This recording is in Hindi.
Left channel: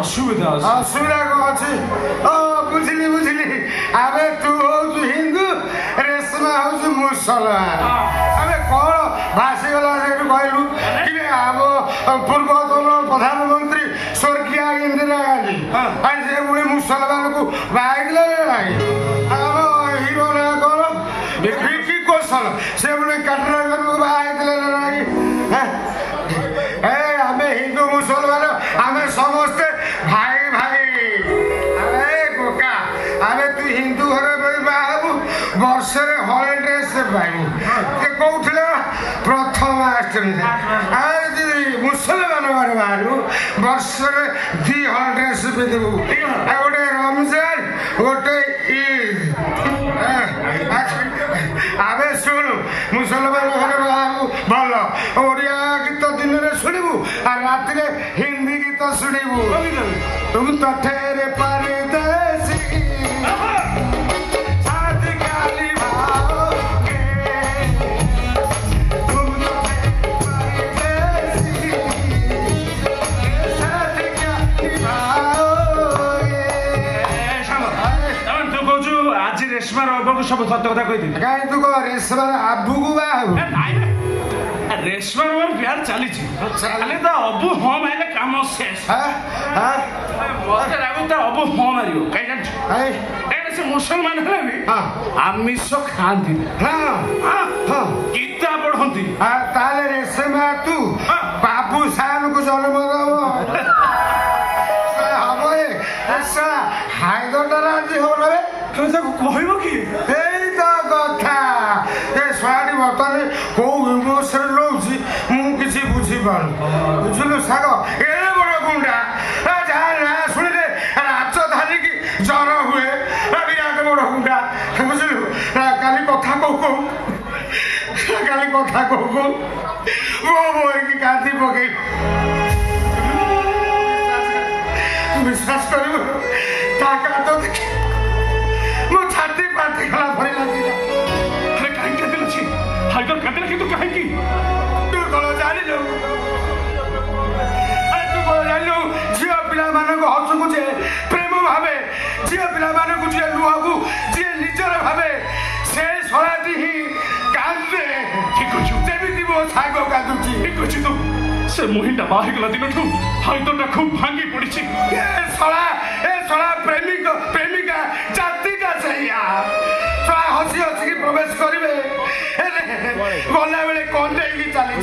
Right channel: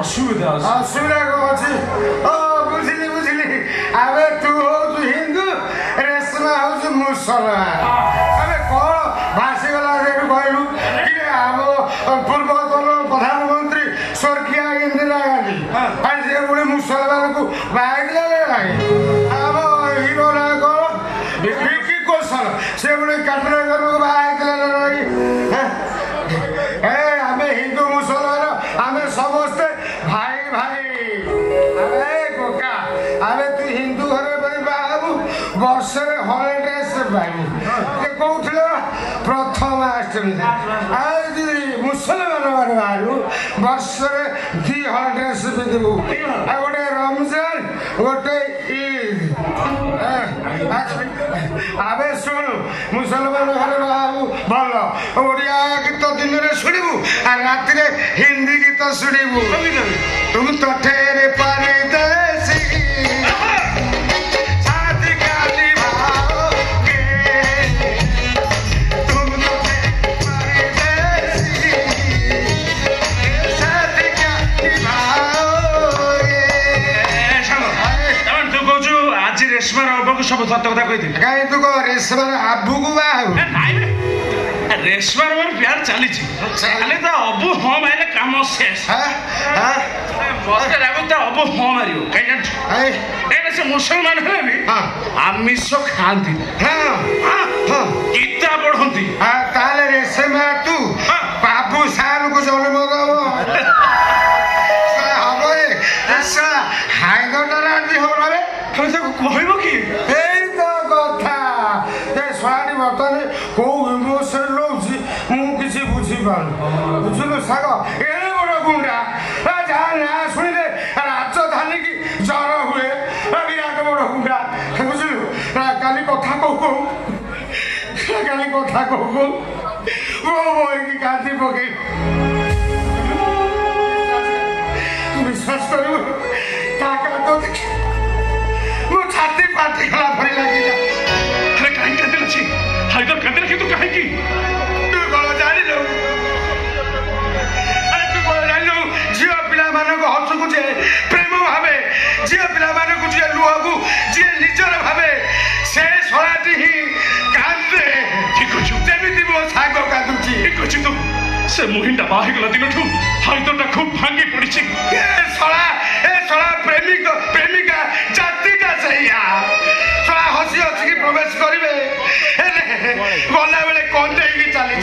असुविधा अच्छे बुझिली बुझिली अबे तू हो हिंदू रेशमा हो मुसलमान अबे कौन भाषीगला कहलु कि आम पूर्वतन प्रधानमंत्री स्वर्गीय इंदिरा गांधी से बुढ़ी मुसलमान को बाहर आम हिरो ना कौन विकी कौशल से बुढ़े कटरागर को बाहर आम हिंदू मुसलमान आम समस्ते मुसलमान बाहर वर्ष 200 ड्रेस पिंधु गोटे रमजान गोटे ईद आवे शुण मुसलमान घर बाहर भल ओडिया गीत दिन में शुणु रात हिंदी गीत शुणु तुम तो ठेरे परदेसी सब सत्य कथा कही कहीं तू कह रेशमार आबू को रेशमार मोर प्यार चली तो अबू हाँ मारे कम शेष मत लागू अबू हाँ मार कहीं से मुसलमान है भी आमिष खाती गीता पढ़ती रेशमा तू बाबू साल को जन्म हाइदराबाद हो कहब कि कौ इमोशन रोची मुझे बुझीपार बुझल साग ए बड़ गुंडा जहाँ ना शुणे राजधानी की जर हुए विराट बड़ गुंडा बुझलु काली कथा कहू मो बही कांदी पकई विश्वास कर मो छाती पाटी गला भरी लगे कहीं कदिल अच्छी हाइदर कदिल किंतु कहीं की तू कौन जानी लो अरे तू कौन जानी लो झियो पिला माने को हसु को जे प्रेम भावे झियो पिला माने को जे लुह को जे निजर भावे से सराटी ही कांदे ठीक अछि जेमिति मो साग कांदुची ठीक अछि तू से मोहिंडा बाहि गला दिनठू हाइदरटा खूब भांगी पड़िछि ए सळा प्रेमिका जातिटा सैया सळा हसी हसी प्रवेश करिवे गला बेले कौन देगी चली